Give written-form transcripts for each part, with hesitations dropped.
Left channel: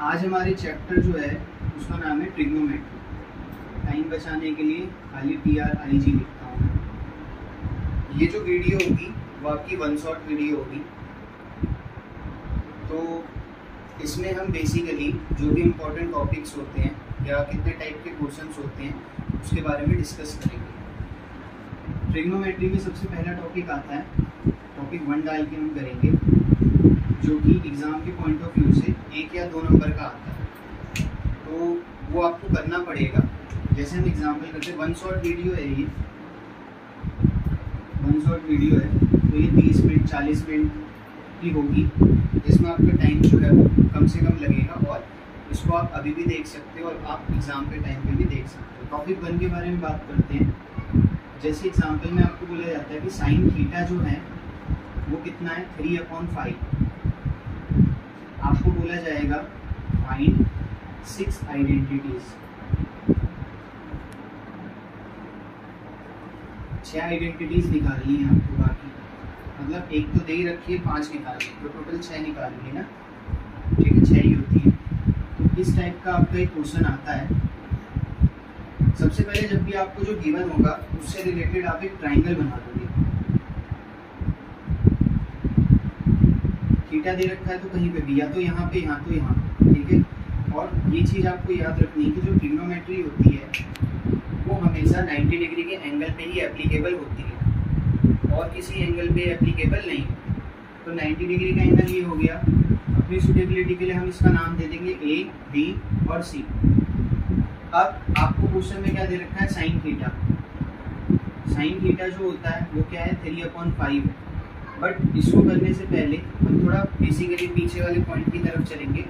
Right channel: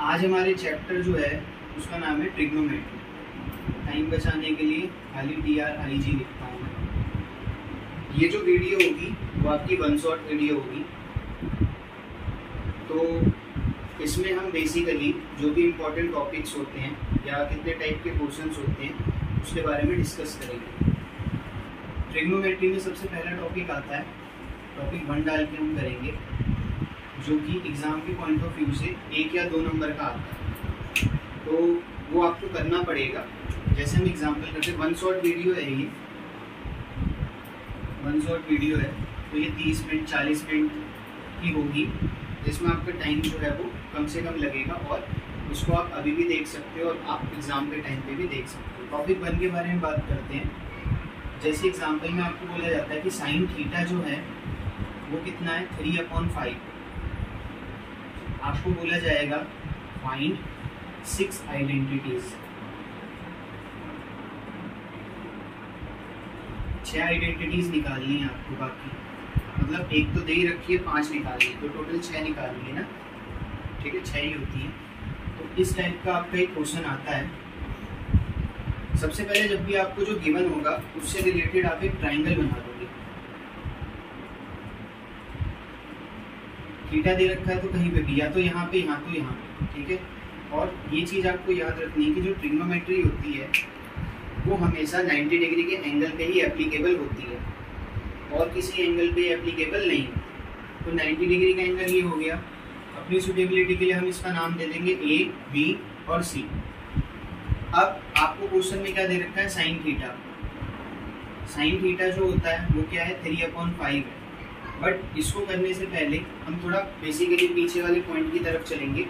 आज हमारे चैप्टर जो है उसका नाम है ट्रिग्नोमेट्री। टाइम बचाने के लिए खाली TRIG लिखता हूँ मैं। ये जो वीडियो होगी वो आपकी वन शॉट वीडियो होगी। तो इसमें हम बेसिकली जो भी इम्पोर्टेंट टॉपिक्स होते हैं या कितने टाइप के क्वेश्चंस होते हैं उसके बारे में डिस्कस करेंगे। ट्रिग्नोमेट्री में सबसे पहला टॉपिक आता है, टॉपिक 1 डाल के हम करेंगे, जो कि एग्ज़ाम के पॉइंट ऑफ व्यू से 1 या 2 नंबर का आता है। तो वो आपको करना पड़ेगा। जैसे हम एग्जांपल करते हैं, वन शॉट वीडियो है, ये वन शॉट वीडियो है, तो ये 30 मिनट 40 मिनट की होगी, जिसमें आपका टाइम जो है वो कम से कम लगेगा और उसको आप अभी भी देख सकते हो और आप एग्ज़ाम के टाइम पे भी देख सकते हो। टॉपिक 1 के बारे में बात करते हैं। जैसे एग्जाम्पल में आपको बोला जाता है कि साइन थीटा जो है वो कितना है, 3/5। आपको बोला जाएगा फाइंड 6 आइडेंटिटीज, 6 आइडेंटिटीज निकालनी है आपको। बाकी मतलब एक तो दे ही रखी है, 5 निकालनी है, तो टोटल 6 निकालनी है ना, ठीक है, 6 ही होती है। तो इस टाइप का आपका एक क्वेश्चन आता है। सबसे पहले जब भी आपको जो गिवन होगा उससे रिलेटेड आप एक ट्राइंगल बना दोगे। थीटा दे रखा है तो कहीं पे भी, या तो यहाँ पे, यहाँ तो यहाँ, ठीक है। और ये चीज़ आपको याद रखनी है कि जो ट्रिग्नोमेट्री होती है वो हमेशा 90 डिग्री के एंगल पे ही एप्लीकेबल होती है और किसी एंगल पे एप्लीकेबल नहीं है। तो 90 डिग्री का एंगल ये हो गया। अपनी सुटेबिलिटी के लिए हम इसका नाम दे देंगे A, B और C। अब आपको क्वेश्चन में क्या दे रखा है, साइन थीटा। साइन थीटा जो होता है वो क्या है, 3/5 है। बट इसको करने से पहले हम थोड़ा बेसिकली पीछे वाले पॉइंट की तरफ चलेंगे।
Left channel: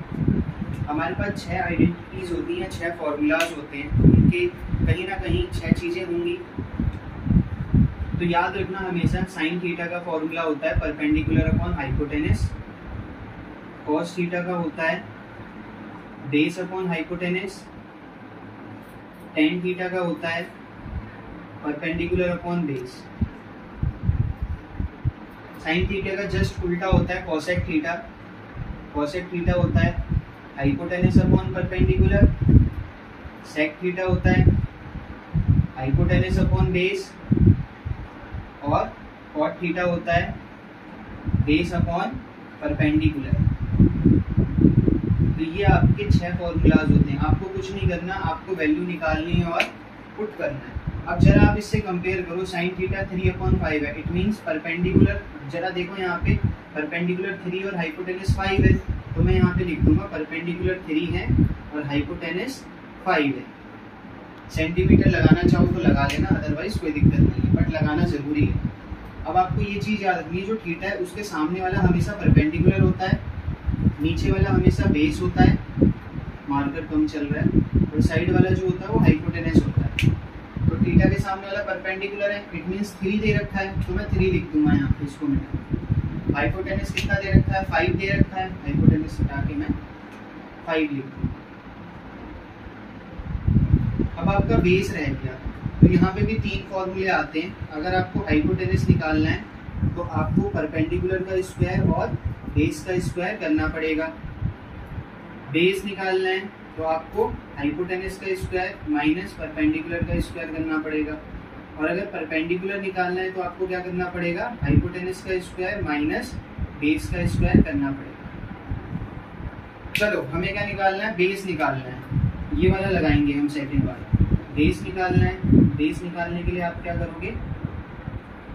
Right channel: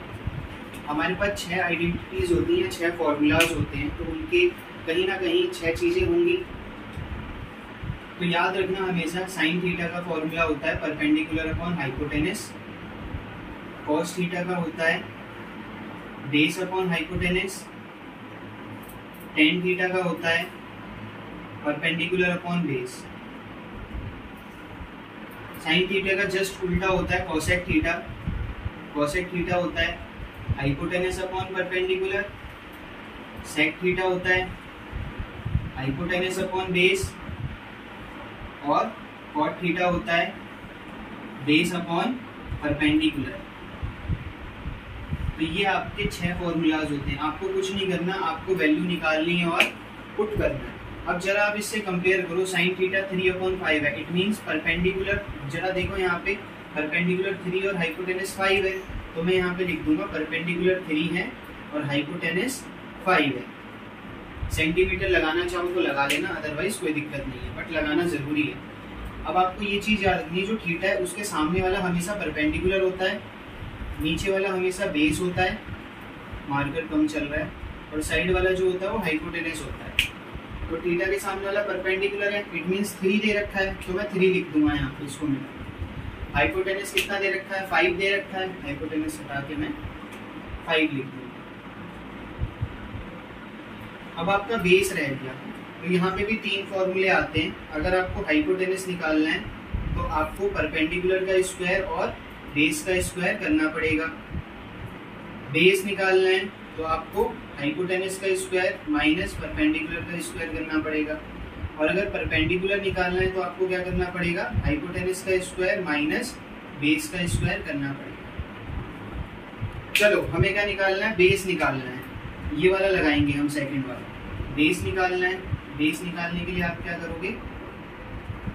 हमारे पास 6 आइडेंटिटीज होती हैं, 6 फॉर्मूलाज होते हैं, तो उनके कहीं ना कहीं 6 चीज़ें होंगी। तो याद रखना हमेशा साइन थीटा का फॉर्मूला होता है perpendicular upon hypotenuse. Cos theta का होता है base upon hypotenuse. Tan theta का होता है perpendicular upon base. Sine theta का जस्ट उल्टा होता है कॉसेक थीटा। कॉसेक थीटा होता है hypotenuse upon perpendicular. Sec theta होता है हाइपोटेनस अपॉन बेस। और कॉट थीटा होता है बेस अपॉन परपेंडिकुलर। तो ये आपके 6 फॉर्मूलाज होते हैं। आपको कुछ नहीं करना, आपको वैल्यू निकालनी है और पुट करना है। अब जरा आप इससे कंपेयर करो, साइन थीटा 3/5 है, इट मीन्स परपेंडिकुलर, जरा देखो यहाँ पे परपेंडिकुलर 3 और हाइपोटेनस 5 है, तो मैं यहाँ पे लिख दूंगा परपेंडिकुलर 3 है और हाइपोटेनस 5 है। सेंटीमीटर लगाना चाहो तो लगा लेना, अदरवाइज कोई दिक्कत नहीं है, बट लगाना जरूरी है। अब आपको ये चीज़ याद रखनी है, जो थीटा है उसके सामने वाला हमेशा परपेंडिकुलर होता है, नीचे वाला हमेशा बेस होता है, मार्कर कम चल रहा है, और साइड वाला जो होता है वो हाइपोटेनस होता है। तो थीटा के सामने वाला परपेंडिकुलर है, इट मीन्स 3 दे रखा है, तो मैं 3 लिख दूंगा यहाँ पे इसको मैं। हाइपोटेनस कितना दे रखा है, 5 दे रखा है, हाइपोटेनस हटा के मैं 5 लिख दूंगा। अब आपका बेस रह गया, तो यहाँ पे भी 3 फॉर्मूले आते हैं। अगर आपको हाइपोटेनस निकालना है तो आपको परपेंडिकुलर का स्क्वायर और बेस का स्क्वायर करना पड़ेगा। बेस निकालना है तो आपको हाइपोटेनस का स्क्वायर माइनस परपेंडिकुलर का स्क्वायर करना पड़ेगा। और अगर परपेंडिकुलर निकालना है तो आपको क्या करना पड़ेगा, हाइपोटेनस का स्क्वायर माइनस बेस का स्क्वायर करना पड़ेगा। चलो हमें क्या निकालना है, बेस निकालना है, ये वाला लगाएंगे हम, सेकंड वाला। बेस निकालना है, बेस निकालने के लिए आप क्या करोगे,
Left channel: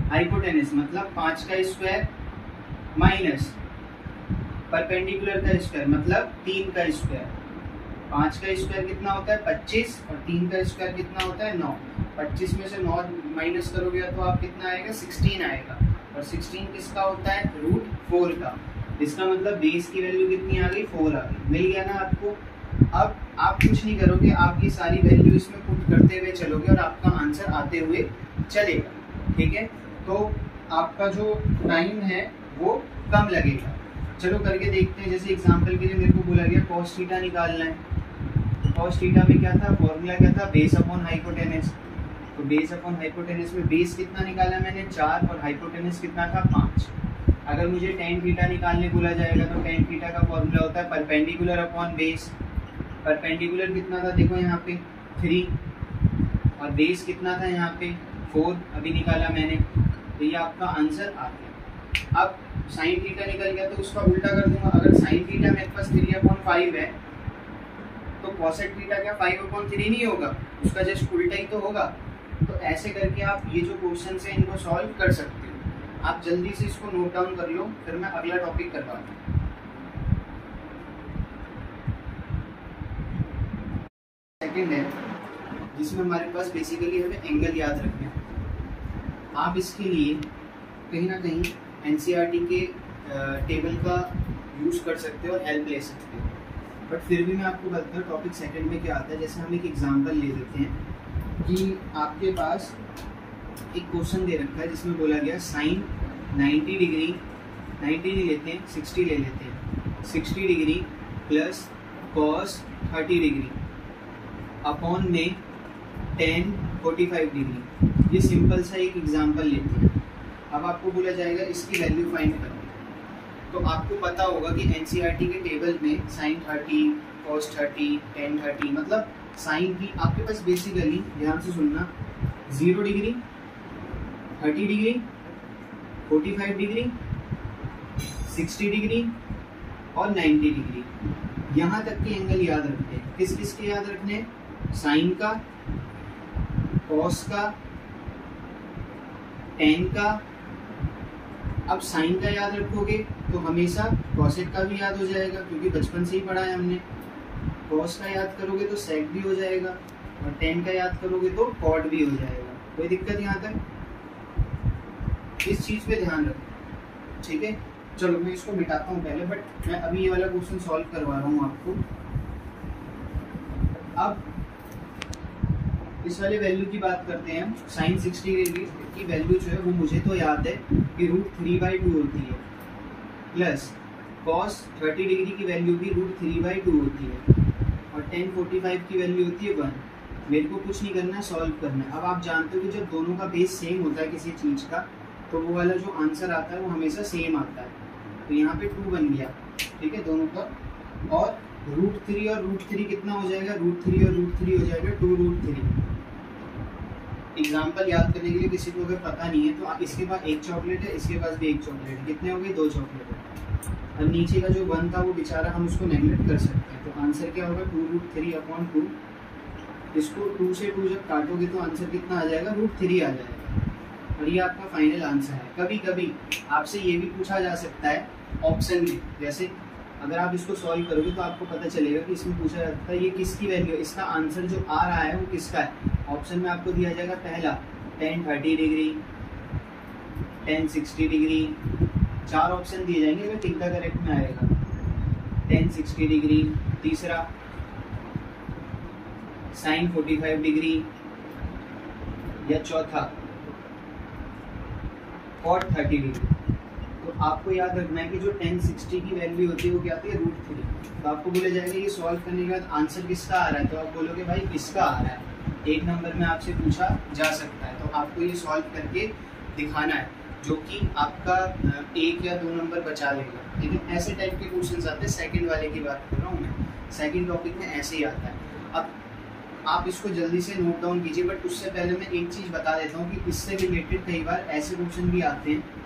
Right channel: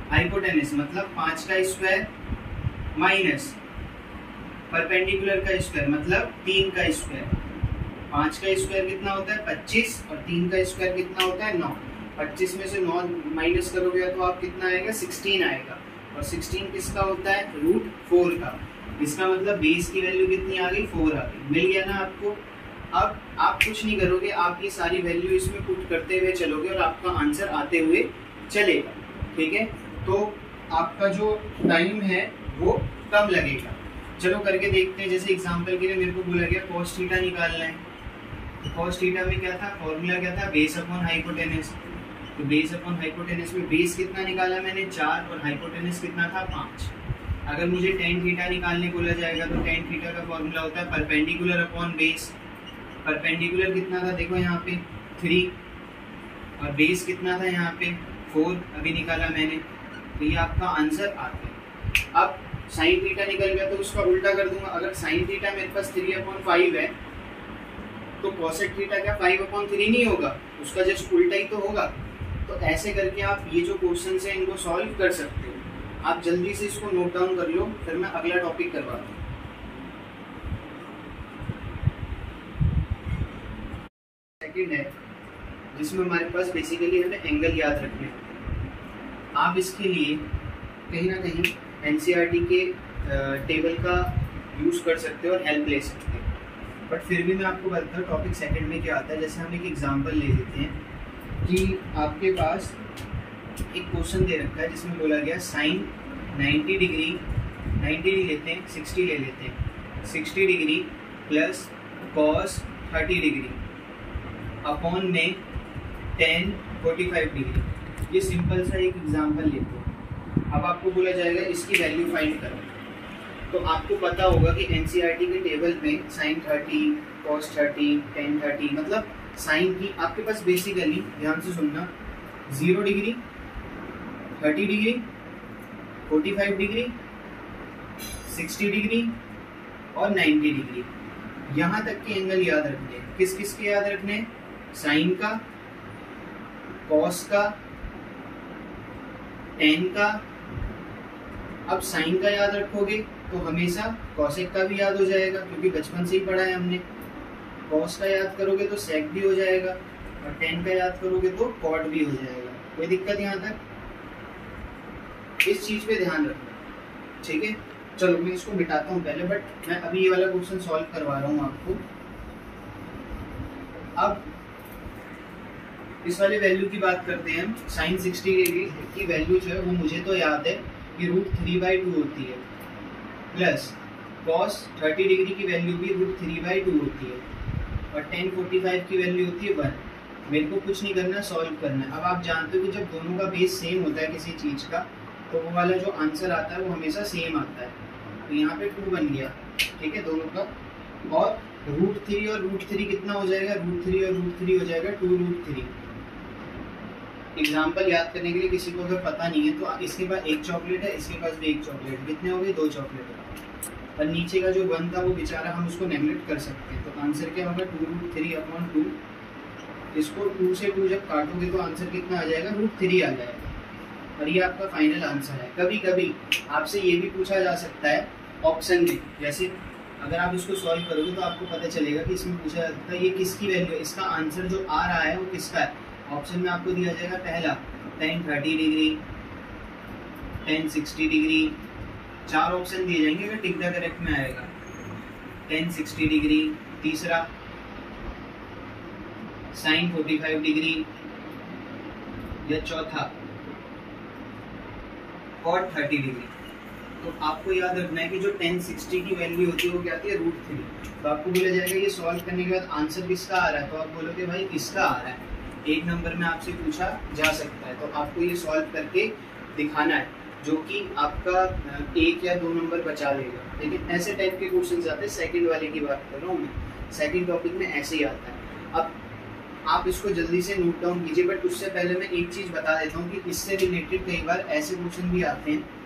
हाइपोटेनस मतलब 5 का स्क्वायर माइनस परपेंडिकुलर का स्क्वायर मतलब 3 का स्क्वायर। 5 का स्क्वायर कितना होता है, 25, और 3 का स्क्वायर कितना होता है, 9। 25 में से 9 माइनस करोगे तो आप कितना आएगा, 16 आएगा। और 16 किसका होता है, √4 का। इसका मतलब बेस की वैल्यू कितनी आ गई, 4 आ गई। मिल गया ना आपको। अब आप कुछ नहीं करोगे, आप ये सारी वैल्यू इसमें पुट करते हुए चलोगे और आपका आंसर आते हुए चलेगा, ठीक है। तो आपका जो टाइम है वो कम लगेगा। चलो करके देखते हैं। जैसे एग्जांपल के लिए मेरे को बोला गया कॉस थीटा निकालना है। कॉस थीटा में क्या था, फॉर्मूला क्या था, बेस अपॉन हाइपोटेनस। तो बेस अपॉन हाइपोटेनस में बेस कितना निकाला मैंने, 4, और हाइपोटेनस कितना था, 5। अगर मुझे टेन थीटा निकालने बोला जाएगा तो टेन थीटा का फॉर्मूला होता है परपेंडिकुलर अपॉन बेस। परपेंडिकुलर कितना था देखो यहाँ पे 3 और बेस कितना था यहाँ पे 4, अभी निकाला मैंने, तो ये आपका आंसर आ गया। अब साइन थीटा निकल गया तो उसका उल्टा कर दूंगा। अगर साइन थीटा मेरे पास 3/5 है तो कॉसेक थीटा क्या 5/3 नहीं होगा, उसका जस्ट उल्टा ही तो होगा। तो ऐसे करके आप ये जो क्वेश्चन है इनको सॉल्व कर सकते हो। आप जल्दी से इसको नोट डाउन कर लो, फिर मैं अगला टॉपिक करवाता हूँ। सेकंड है जिसमें हमारे पास बेसिकली हमें एंगल याद रखने हैं। आप इसके लिए कहीं ना कहीं एनसीईआरटी के टेबल का यूज़ कर सकते हो और हेल्प ले सकते हो, बट फिर भी मैं आपको बताता हूँ टॉपिक सेकंड में क्या आता है। जैसे हम एक एग्जांपल ले लेते हैं कि आपके पास एक क्वेश्चन दे रखा है जिसमें बोला गया साइन 90 डिग्री, 90 नहीं लेते हैं 60 ले लेते हैं, 60 degree plus cos 30 degree upon में tan 45 डिग्री। ये सिंपल सा एक एग्जांपल लेते हैं। अब आपको बोला जाएगा इसकी वैल्यू फाइंड करो। तो आपको पता होगा कि एनसीईआरटी के टेबल में साइन 30, कॉस 30, tan 30 मतलब साइन की आपके पास बेसिकली ध्यान से सुनना 0 डिग्री, 30 डिग्री, 45 डिग्री, 60 डिग्री और 90 डिग्री, यहाँ तक के एंगल याद रखने हैं। किस किस के याद रखने हैं? साइन का, कॉस का, टेन का। अब साइन का याद रखोगे तो हमेशा कॉसेक का भी याद हो जाएगा क्योंकि बचपन से ही पढ़ा है हमने। कॉस का याद करोगे तो सेक भी हो जाएगा और टेन का याद करोगे तो कॉट भी हो जाएगा। कोई दिक्कत यहाँ तक? इस चीज पे ध्यान रखो, ठीक है। चलो मैं इसको मिटाता हूँ पहले, बट मैं अभी ये वाला क्वेश्चन सॉल्व करवा रहा हूँ आपको। अब इस वाले वैल्यू की बात करते हैं हम। साइन 60 डिग्री की वैल्यू जो है वो मुझे तो याद है कि √3/2 होती है, प्लस कॉस 30 डिग्री की वैल्यू भी √3/2 होती है और tan 45 की वैल्यू होती है 1। मेरे को कुछ नहीं करना, सॉल्व करना है। अब आप जानते हो कि जब दोनों का बेस सेम होता है किसी चीज़ का तो वो वाला जो आंसर आता है वो हमेशा सेम आता है। तो यहाँ पे 2 बन गया, ठीक है, दोनों का। और √3 और √3 कितना हो जाएगा? √3 और √3 हो जाएगा 2√3। एग्जाम्पल याद करने के लिए किसी को अगर पता नहीं है तो इसके पास एक चॉकलेट है, इसके पास भी एक चॉकलेट, कितने हो गए? 2 चॉकलेट है। और नीचे का जो 1 था वो बेचारा हम उसको नेगलेक्ट कर सकते हैं। तो आंसर क्या होगा? 2√3/2। इसको 2 से 2 जब काटोगे तो आंसर कितना आ जाएगा? √3 आ जाएगा। और ये आपका फाइनल आंसर है। कभी कभी आपसे ये भी पूछा जा सकता है ऑप्शन में, जैसे अगर आप इसको सॉल्व करोगे तो आपको पता चलेगा कि इसमें पूछा जाता है ये किसकी वैल्यू है, इसका आंसर जो आ रहा है वो किसका है। ऑप्शन में आपको दिया जाएगा पहला tan 30 degree, tan 60 degree, 4 option दिए जाएंगे अगर टिक द करेक्ट में आएगा। tan 60 डिग्री, तीसरा sin 45 डिग्री, या चौथा cot 30 डिग्री। तो आपको याद रखना है कि जो tan 60 की वैल्यू होती है वो क्या आती है? √3। तो आपको बोला जाएगा ये सॉल्व करने के बाद आंसर किसका आ रहा है, तो आप बोलोगे भाई इसका आ रहा है। 1 नंबर में आपसे पूछा जा सकता है, तो आपको ये सॉल्व करके दिखाना है, जो कि आपका 1 या 2 नंबर बचा लेगा। लेकिन ऐसे टाइप के क्वेश्चन आते हैं। सेकंड वाले की बात कर रहा हूँ मैं, सेकंड टॉपिक में ऐसे ही आता है। अब आप इसको जल्दी से नोट डाउन कीजिए, बट उससे पहले मैं एक चीज बता देता हूँ कि इससे रिलेटेड कई बार ऐसे क्वेश्चन भी आते हैं।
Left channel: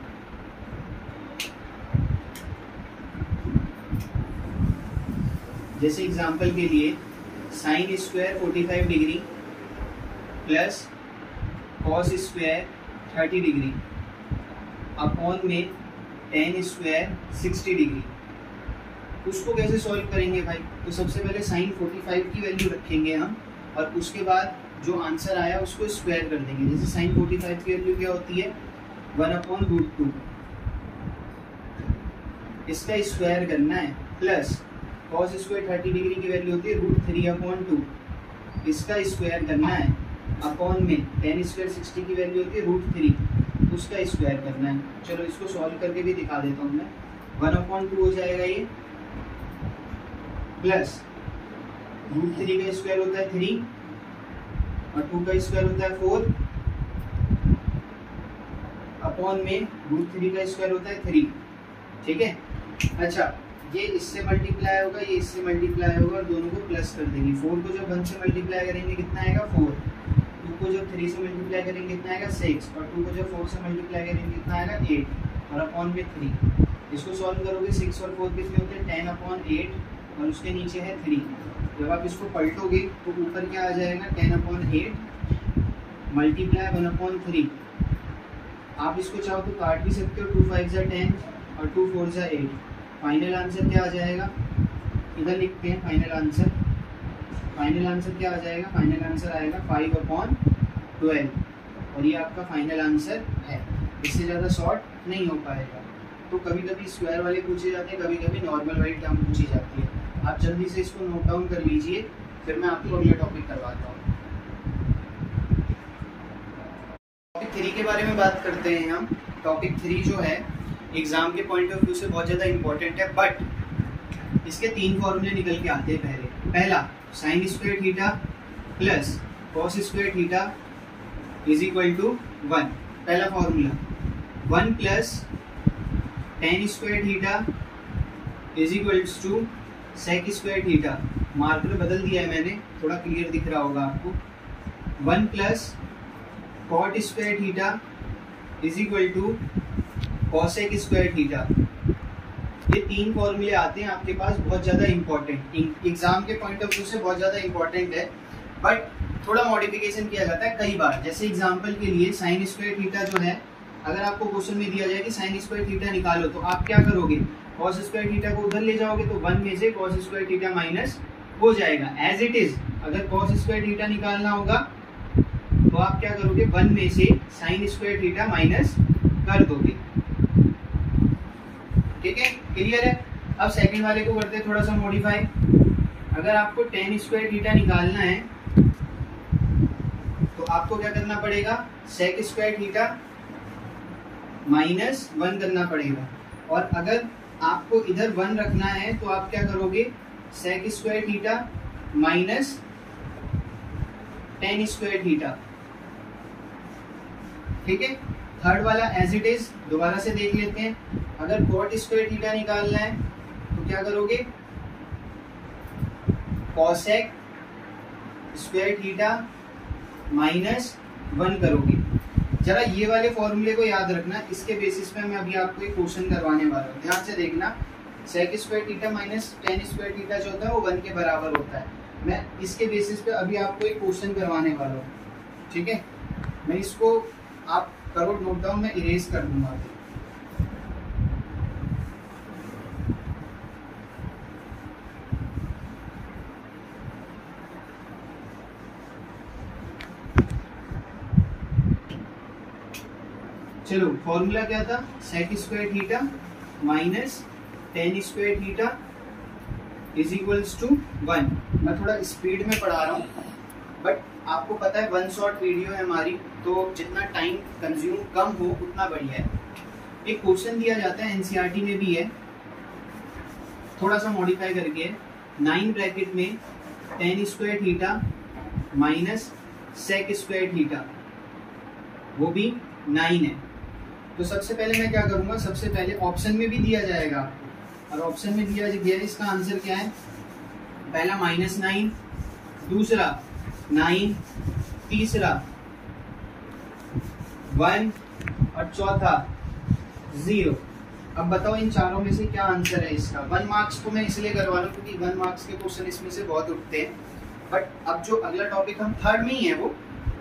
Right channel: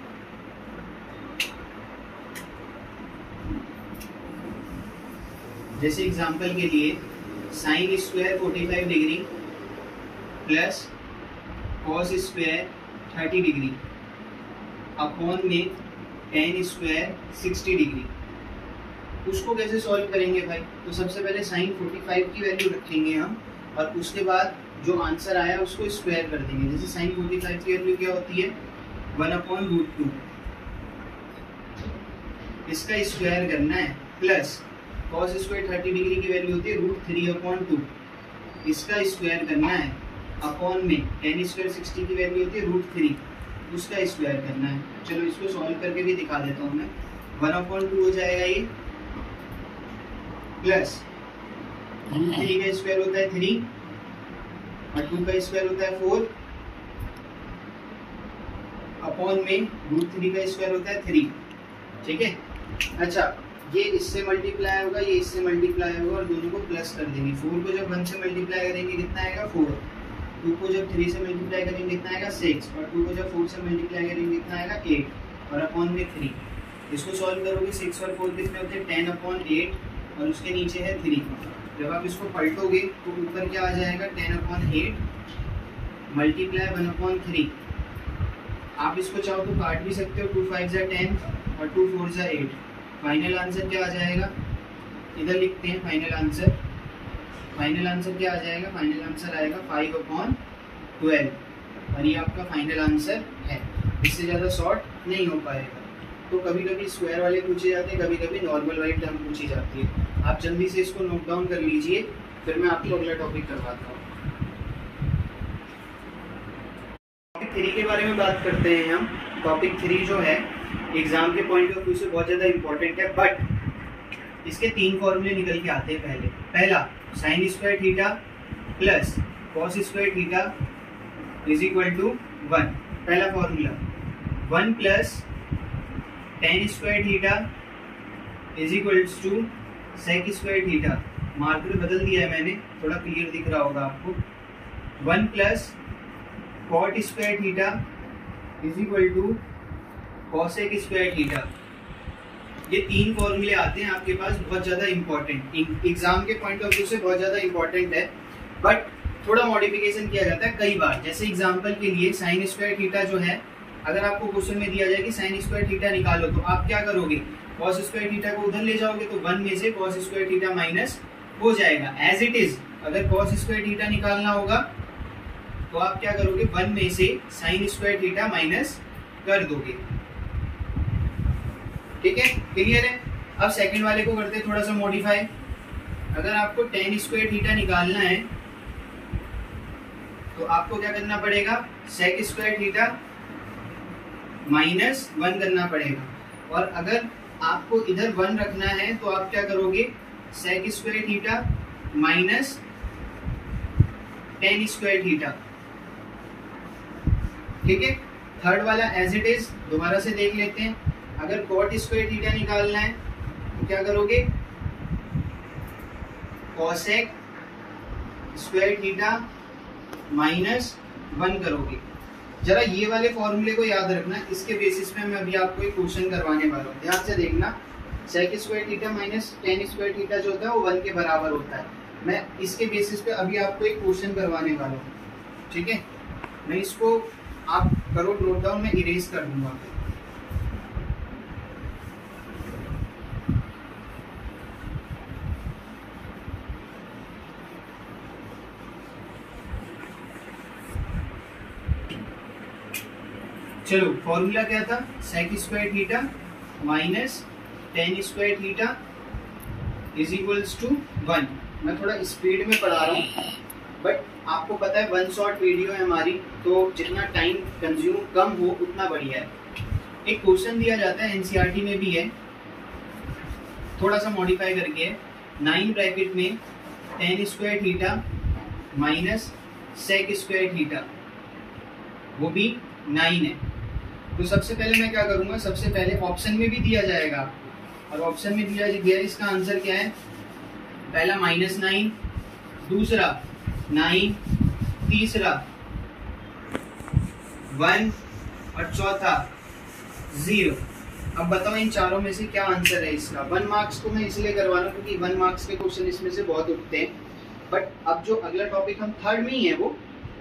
जैसे एग्जाम्पल के लिए sine square 45 degree plus cos square 30 degree upon में tan स्क्वायर 60 डिग्री। उसको कैसे सॉल्व करेंगे भाई? तो सबसे पहले साइन 45 की वैल्यू रखेंगे हम और उसके बाद जो आंसर आया उसको स्क्वायर कर देंगे। जैसे साइन 45 की वैल्यू क्या होती है? 1/√2। इसका स्क्वायर करना है, प्लस कॉस स्क्वायर 30 डिग्री की वैल्यू होती है √3/2। इसका स्क्वायर करना है, अपॉन में tan स्क्वायर 60 की वैल्यू होती है √3, उसका स्क्वायर करना है। चलो इसको सॉल्व करके भी दिखा देता हूँ मैं। 1/2 हो जाएगा ये, प्लस √3 का स्क्वायर होता है 3 और 2 का स्क्वायर होता है 4, अपॉन में √3 का स्क्वायर होता है 3। ठीक है। अच्छा, ये इससे मल्टीप्लाई होगा, ये इससे मल्टीप्लाई होगा और दोनों को प्लस कर देंगे। 4 को जब 1 से मल्टीप्लाई करेंगे कितना आएगा 4, 2 को जब 3 से मल्टीप्लाई करेंगे कितना आएगा 6 और 2 को जब 4 से मल्टीप्लाई करेंगे कितना आएगा 8 और अपॉन में 3। इसको सॉल्व करोगे 6 और 4 कितने होते हैं 10/8 और उसके नीचे है 3। जब आप इसको पलटोगे तो ऊपर क्या आ जाएगा 10/8 मल्टीप्लाई 1/3। आप इसको चाहो तो काट भी सकते हो, 2 5 जा 10 और 2 4 जा 8। फाइनल आंसर क्या आ जाएगा, इधर लिखते हैं फाइनल आंसर। फाइनल आंसर क्या आ जाएगा, फाइनल आंसर आएगा 5/12 और ये आपका फाइनल आंसर है। इससे ज़्यादा शॉर्ट नहीं हो पाएगा। तो कभी कभी स्क्वायर वाले पूछे जाते हैं, कभी कभी नॉर्मल वाली टर्म पूछी जाती है। आप जल्दी से इसको नोट डाउन कर लीजिए, फिर मैं आपको अगला टॉपिक करवाता हूँ। टॉपिक 3 के बारे में बात करते हैं हम। टॉपिक 3 जो है एग्जाम के पॉइंट ऑफ व्यू से बहुत ज़्यादा इंपॉर्टेंट है, बट इसके 3 फॉर्मूले निकल के आते हैं। पहला sine square theta plus cos square theta is equal to 1। पहला formula 1 plus tan square theta is equals to sec square theta. Marker बदल दिया है मैंने, थोड़ा क्लियर दिख रहा होगा आपको। 1 plus cot square theta is equal to cosec square theta. ये 3 फॉर्मूले आते हैं आपके पास, बहुत ज़्यादा इंपॉर्टेंट, एग्जाम के पॉइंट ऑफ व्यू से बहुत ज़्यादा इंपॉर्टेंट है, बट थोड़ा मॉडिफिकेशन किया जाता है कई बार। जैसे एग्जाम्पल के लिए साइन स्क्वायर थीटा जो है, अगर आपको क्वेश्चन में दिया जाए कि साइन स्क्वायर थीटा निकालो तो आप क्या करोगे, कॉस स्क्वायर थीटा को उधर ले जाओगे तो 1 में से कॉस स्क्वायर थीटा माइनस हो जाएगा एज इट इज। अगर कॉस स्क्वायर थीटा निकालना होगा तो आप क्या करोगे, 1 में से साइन स्क्वायर थीटा माइनस कर दोगे। ठीक है, क्लियर है। अब सेकंड वाले को करते हैं थोड़ा सा मॉडिफाई। अगर आपको टेन स्क्वायर थीटा निकालना है तो आपको क्या करना पड़ेगा, सेक स्क्वायर थीटा माइनस 1 करना पड़ेगा। और अगर आपको इधर 1 रखना है तो आप क्या करोगे, sec square theta minus tan square theta. ठीक है, थर्ड वाला एज इट इज दोबारा से देख लेते हैं। अगर कॉट स्क्वायर थीटा निकालना है तो क्या करोगे, कॉसेक स्क्वायर थीटा माइनस 1 करोगे। जरा ये वाले फॉर्मूले को याद रखना, इसके बेसिस पे मैं अभी आपको एक क्वेश्चन करवाने वाला हूँ। ध्यान से देखना, sec square theta minus tan square theta जो होता है वो 1 के बराबर होता है। मैं इसके बेसिस पे अभी आपको एक क्वेश्चन करवाने वाला हूँ। ठीक है, मैं इसको आप करो नोट डाउन, मैं इरेज कर दूंगा। चलो, फॉर्मूला क्या था, sec square theta minus tan square theta is equals to 1। मैं थोड़ा स्पीड में पढ़ा रहा हूँ, बट आपको पता है 1 शॉट वीडियो है हमारी, तो जितना टाइम कंज्यूम कम हो उतना बढ़िया है। एक क्वेश्चन दिया जाता है, एनसीईआरटी में भी है, थोड़ा सा मॉडिफाई करके, 9 ब्रैकेट में tan square theta minus sec square theta, वो भी 9 है। तो सबसे पहले मैं क्या करूंगा, सबसे पहले ऑप्शन में भी दिया जाएगा आपको, और ऑप्शन में दिया गया इसका आंसर क्या है, पहला -9, दूसरा 9, तीसरा 1 और चौथा 0। अब बताओ इन चारों में से क्या आंसर है इसका। 1 मार्क्स को मैं इसलिए करवा रहा हूँ क्योंकि 1 मार्क्स के क्वेश्चन इसमें से बहुत उठते हैं। बट अब जो अगला टॉपिक हम थर्ड में ही है, वो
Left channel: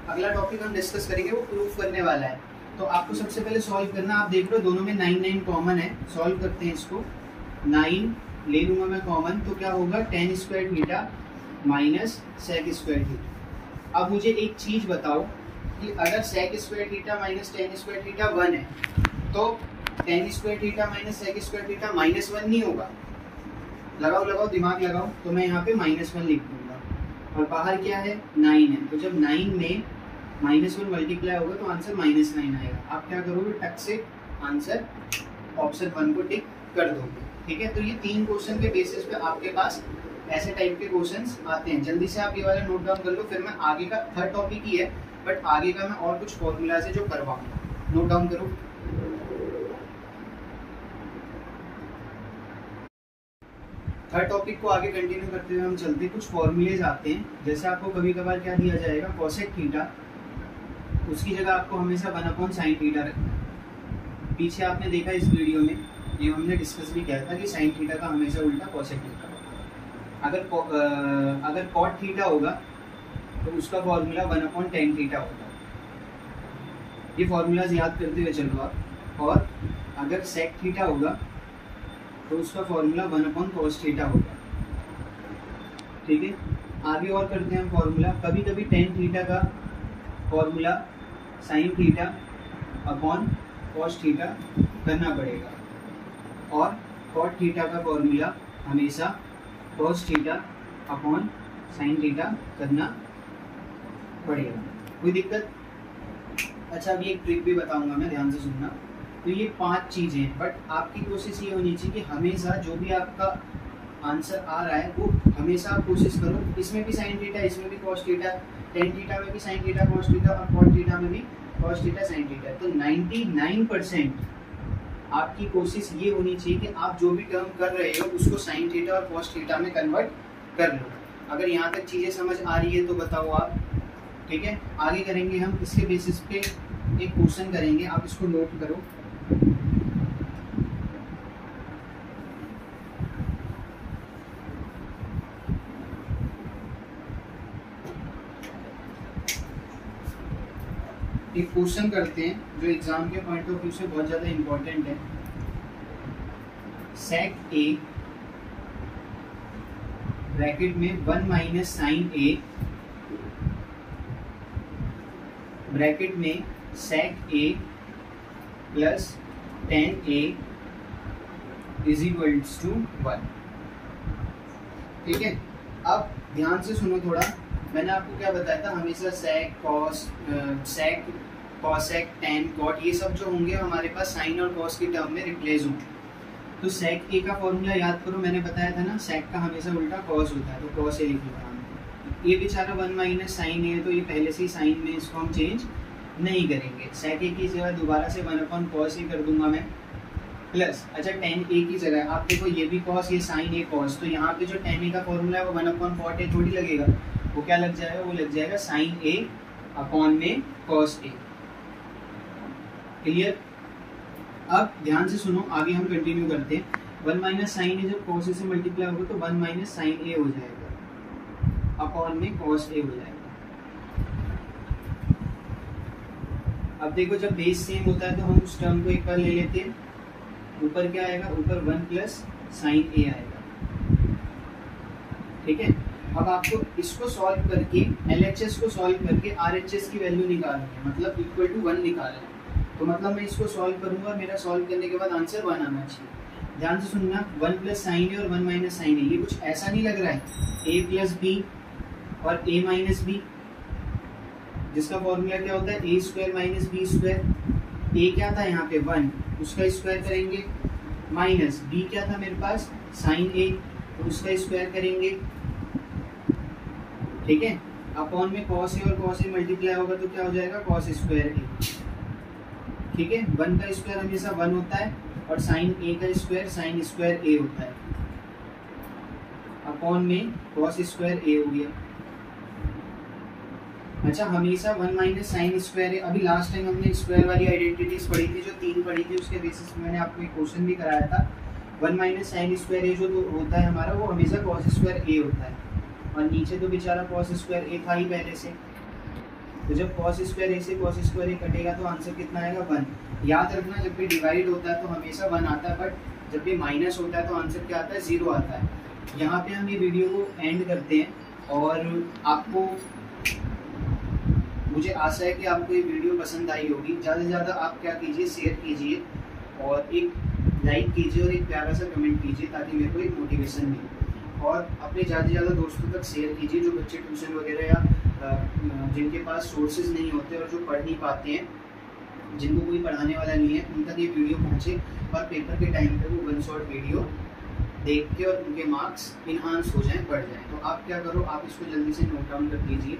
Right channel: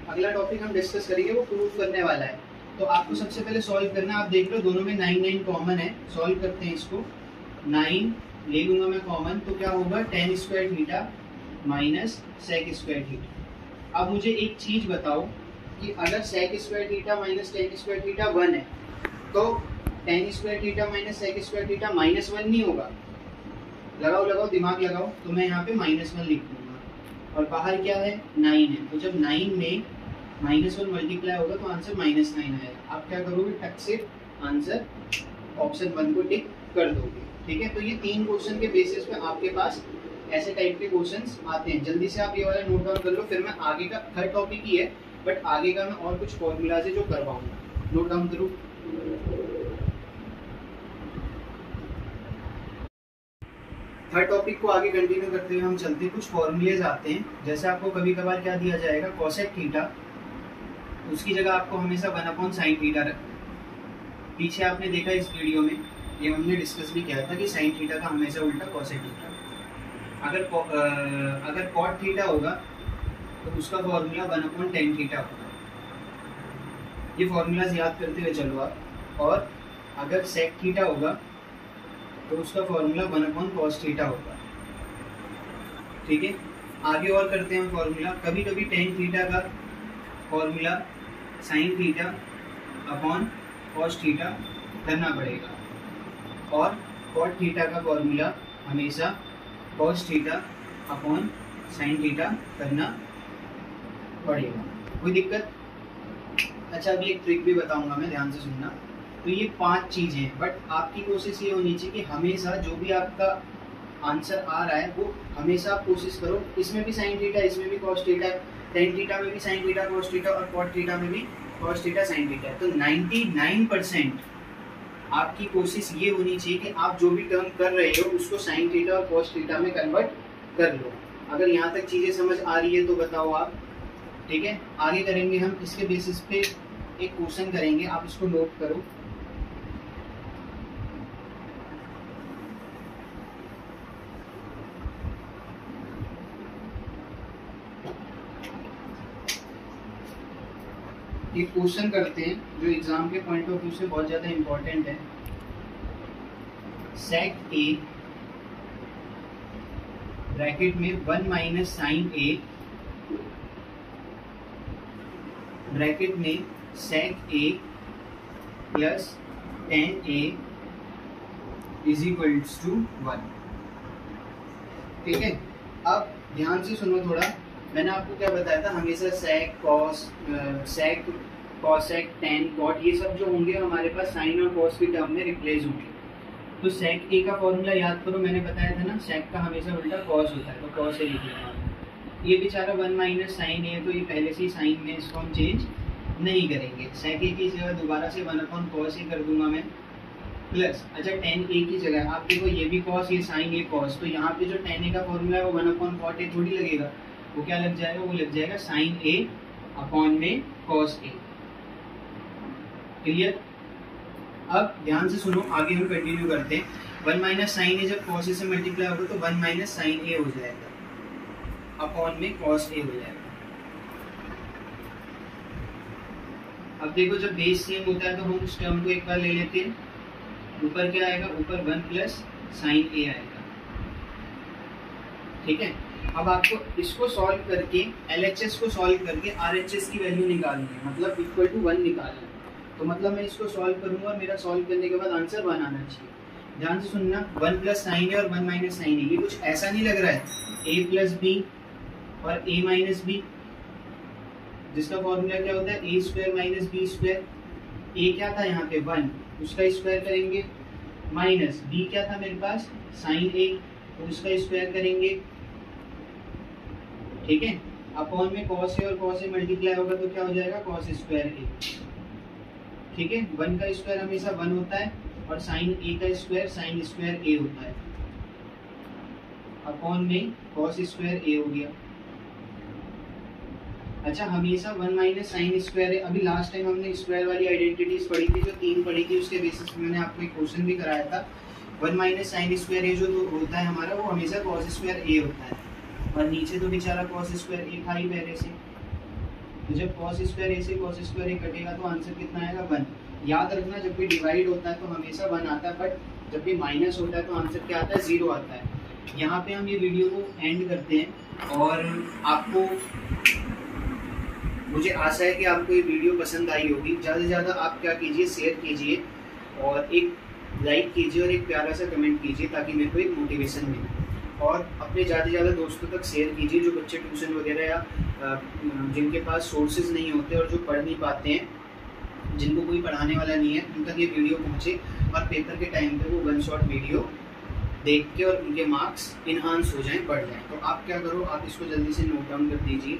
अगला टॉपिक हम डिस्कस करेंगे, वो प्रूफ करने वाला है। तो आपको सबसे पहले सॉल्व करना, आप देख लो दोनों में 9 कॉमन है। सॉल्व करते हैं इसको, 9 ले लूंगा मैं कॉमन, तो क्या होगा, tan square theta minus sec square theta. अब मुझे एक चीज बताओ कि अगर sec square theta minus tan square theta 1 है, तो tan square theta minus sec square theta -1 नहीं होगा। लगाओ दिमाग लगाओ, तो मैं यहाँ पे -1 लिख दूंगा, और बाहर क्या है 9 है। तो जब 9 में -1 मल्टीप्लाई होगा तो आंसर -9 आएगा। आप क्या करोगे, टक से आंसर ऑप्शन 1 को टिक कर दोगे। ठीक है, तो ये 3 क्वेश्चन के बेसिस पे आपके पास ऐसे टाइप के क्वेश्चंस आते हैं। जल्दी से आप ये वाला नोट डाउन कर लो, फिर मैं आगे का थर्ड टॉपिक ही है, बट आगे का मैं और कुछ फॉर्मूला से जो करवाऊंगा, नोट डाउन करो। थर्ड टॉपिक को आगे कंटिन्यू करते हुए हम चलते हैं, कुछ फॉर्मूलेज आते हैं। जैसे आपको कभी कभार क्या दिया जाएगा, कोसेक थीटा, उसकी जगह आपको हमेशा 1/sin थीटा रखना है। पीछे आपने देखा इस वीडियो में, ये हमने डिस्कस भी किया था कि साइन थीटा का हमेशा उल्टा कोसेक थीटा। अगर कॉट थीटा होगा तो उसका फॉर्मूला 1/tan थीटा होगा। ये फॉर्मूलाज याद करते हुए चलो आप। और अगर सेक थीटा होगा तो उसका फॉर्मूला 1/cos थीटा होगा। ठीक है, आगे और करते हैं हम फॉर्मूला। कभी कभी tan थीटा का formula sin theta upon cos theta करना पड़ेगा, और cot थीटा का फॉर्मूला हमेशा cos theta upon sin theta करना पड़ेगा। कोई दिक्कत? अच्छा, अभी एक ट्रिक भी बताऊंगा मैं, ध्यान से सुनना। तो ये 5 चीजें हैं, बट आपकी कोशिश ये होनी चाहिए कि हमेशा जो भी आपका आंसर आ रहा है वो हमेशा आप कोशिश करो, इसमें भी साइन थीटा, इसमें भी cos थीटा, tan थीटा में भी साइन थीटा cos थीटा, और cot थीटा में भी cos थीटा sin थीटा। तो 99% आपकी कोशिश ये होनी चाहिए कि आप जो भी टर्म कर रहे हो उसको साइन थीटा और cos थीटा में कन्वर्ट कर लो। अगर यहाँ तक चीजें समझ आ रही है तो बताओ आप। ठीक है, आगे करेंगे हम इसके बेसिस पे एक क्वेश्चन करेंगे, आप इसको नोट करो। एक क्वेश्चन करते हैं जो एग्जाम के पॉइंट ऑफ व्यू से बहुत ज्यादा इंपॉर्टेंट है। सेक ए ब्रैकेट में 1 - sin a ब्रैकेट में sec a plus tan a is equals to 1। ठीक है, अब ध्यान से सुनो थोड़ा। मैंने आपको क्या बताया था, हमेशा sec cosec tan cot ये सब जो होंगे हमारे पास साइन और cos की टर्म में रिप्लेस होंगे। तो sec a का फॉर्मूला याद करो, मैंने बताया था ना, sec का हमेशा उल्टा cos होता है, तो cos a लिख लिया। ये बेचारा 1 - sin a है, तो ये पहले से ही साइन में, इसको हम चेंज नहीं करेंगे। sec a की जगह दोबारा से 1/cos a कर दूंगा मैं, प्लस अच्छा tan a की जगह आप देखो, ये भी cos, ये sin a cos, तो यहाँ पे जो tan a का फॉर्मूला है वो 1/cot a थोड़ी लगेगा, वो क्या लग जाएगा, वो लग जाएगा sin a अपॉन में cos a। क्लियर? अब ध्यान से सुनो, आगे हम कंटिन्यू करते हैं। 1 - sin a जब cos a से मल्टीप्लाई होगा तो 1 - sin a हो जाएगा अपॉन में cos a हो जाएगा। अब देखो, जब बेस सेम होता है तो हम उस टर्म को एक बार ले लेते हैं। ऊपर क्या आएगा, ऊपर 1 + sin a आएगा। ठीक है, अब आपको इसको सॉल्व करके, LHS को सॉल्व करके RHS की वैल्यू निकालनी है, मतलब इक्वल टू 1 निकालना है। तो मतलब मैं इसको सॉल्व करूंगा, मेरा सॉल्व करने के बाद आंसर 1 आना चाहिए। ध्यान से सुनना, 1 + sin a और 1 - sin a, ये कुछ ऐसा नहीं लग रहा है a + b और a - b, जिसका फॉर्मूला क्या होता है, a² - b²। a क्या था यहाँ पे 1, उसका स्क्वायर करेंगे, माइनस b क्या था मेरे पास sin a, तो उसका स्क्वायर करेंगे। ठीक है, अपॉन में cos a और cos a मल्टीप्लाई होगा तो क्या हो जाएगा, cos² a। ठीक है, 1 का स्क्वायर हमेशा 1 होता है, और sin a का स्क्वायर sin² a होता है, अपॉन में cos² a हो गया। अच्छा, हमेशा 1 - sin² है। अभी लास्ट टाइम हमने स्क्वायर वाली आइडेंटिटीज पढ़ी थी, जो 3 पढ़ी थी, उसके बेसिस पे मैंने आपको एक क्वेश्चन भी कराया था। 1 - sin² a जो होता है हमारा, वो हमेशा cos² a होता है, और नीचे तो बेचारा cos² a था ही पहले से। तो जब cos² a से cos² a कटेगा तो आंसर कितना आएगा, 1। याद रखना, जब भी डिवाइड होता है तो हमेशा 1 आता है, बट जब भी माइनस होता है तो आंसर क्या आता है, 0 आता है। यहाँ पे हम ये वीडियो को एंड करते हैं, और आपको, मुझे आशा है कि आपको ये वीडियो पसंद आई होगी। ज़्यादा से ज़्यादा आप क्या कीजिए, शेयर कीजिए, और एक लाइक कीजिए, और एक प्यारा सा कमेंट कीजिए, ताकि मेरे को एक मोटिवेशन मिले। और अपने ज़्यादा से ज़्यादा दोस्तों तक शेयर कीजिए, जो बच्चे ट्यूशन वगैरह या जिनके पास सोर्सेज नहीं होते और जो पढ़ नहीं पाते हैं, जिनको कोई पढ़ाने वाला नहीं है, उन तक ये वीडियो पहुँचे, और पेपर के टाइम पे वो 1 शॉट वीडियो देख के और उनके मार्क्स इन्हांस हो जाएं, बढ़ जाएं। तो आप क्या करो, आप इसको जल्दी से नोट डाउन कर दीजिए।